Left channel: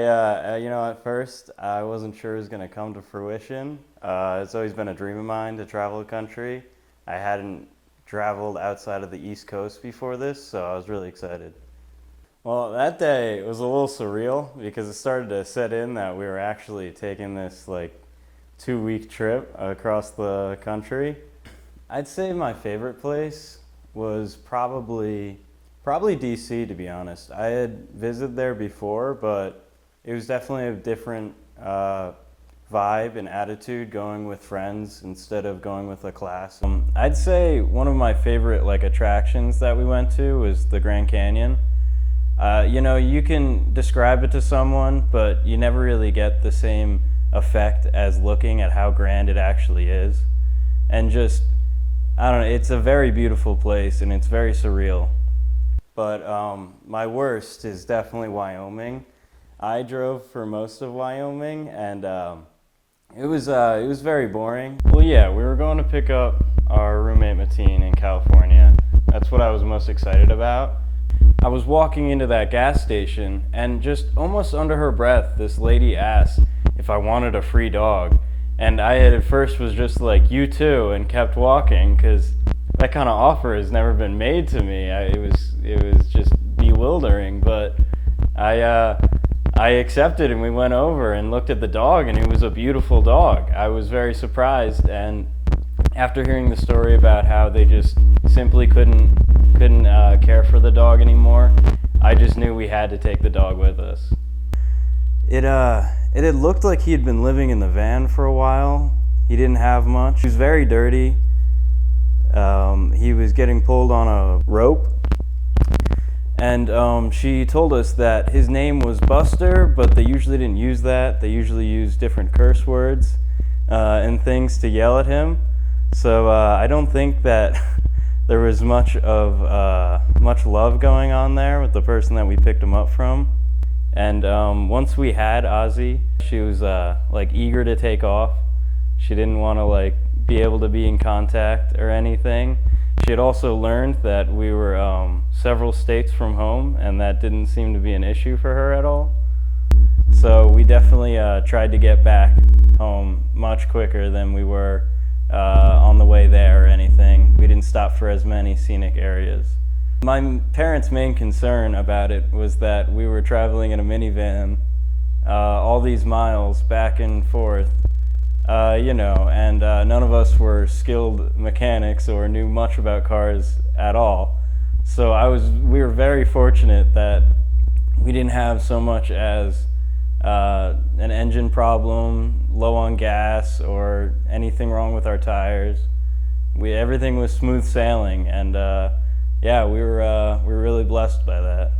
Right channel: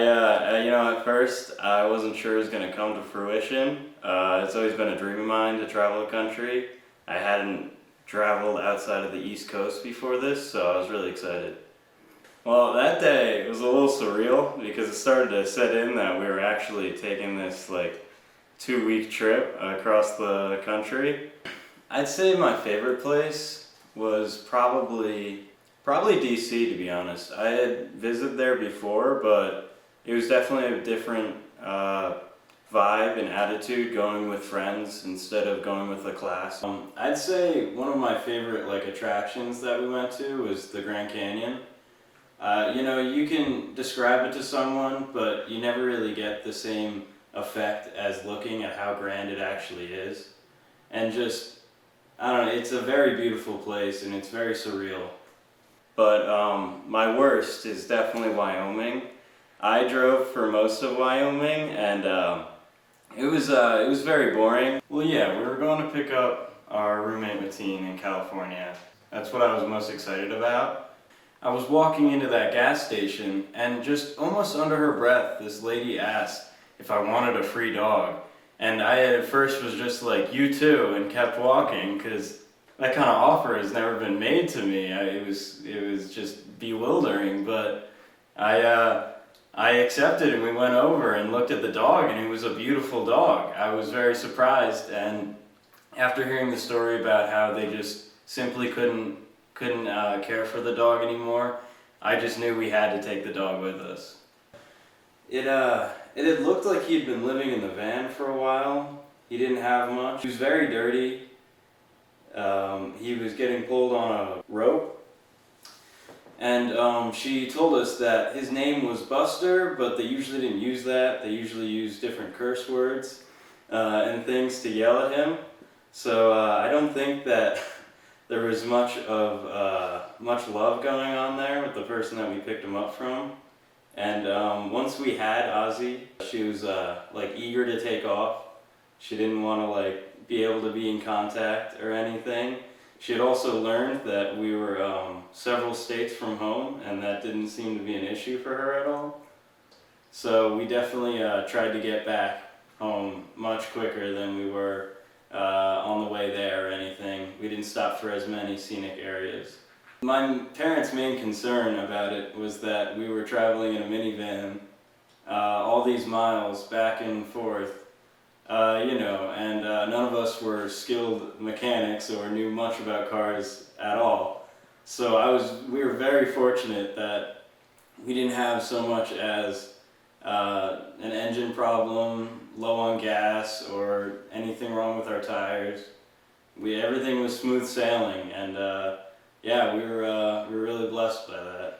At first I wasn't sure it was going to come to fruition. It's always been a dream of mine to travel the country. I hadn't traveled outside of the East Coast before this, so I was really excited. Well, that day was a little surreal because it started to set in that we were actually taking this 2-week trip across the country. I'd say my favorite place was probably DC, to be honest. I had visited there before, but it was definitely a different vibe and attitude going with friends instead of going with a class. I'd say one of my favorite attractions that we went to was the Grand Canyon. You can describe it to someone, but you never really get the same effect as looking at how grand it actually is. And I don't know, it's a very beautiful place and it's very surreal. But my worst is definitely Wyoming. I drove for most of Wyoming, and it was very boring. Well, yeah, we were going to pick up our roommate Mateen in California. That's what I was most excited about. I was walking into that gas station, and just almost under her breath, this lady asked if I wanted a free dog. And I at first was just like, "You too," and kept walking because that kind of offer has never been made to me. It was just bewildering, but I accepted, and we went over and looked at the dog, and it was a beautiful dog. I was very surprised, and after hearing the story about how they just simply couldn't care for the dog anymore, I just knew we had to take the dog with us. It had looked like he had been living in the van for a while. He didn't have much. He was very dirty. He was getting pulled on a rope. And she told us that his name was Buster, but they usually didn't use that. They usually used different curse words and things to yell at him. So I don't think that there was much love going on there with the person that we picked him up from. And once we had Ozzy, she was eager to take off. She didn't want to be able to be in contact or anything. She had also learned that we were several states from home, and that didn't seem to be an issue for her at all. So we definitely tried to get back home much quicker than we were on the way there or anything. We didn't stop for as many scenic areas. My parents' main concern about it was that we were traveling in a minivan all these miles back and forth, and none of us were skilled mechanics or knew much about cars at all. So we were very fortunate that we didn't have so much as an engine problem, low on gas, or anything wrong with our tires. Everything was smooth sailing, and we were really blessed by that.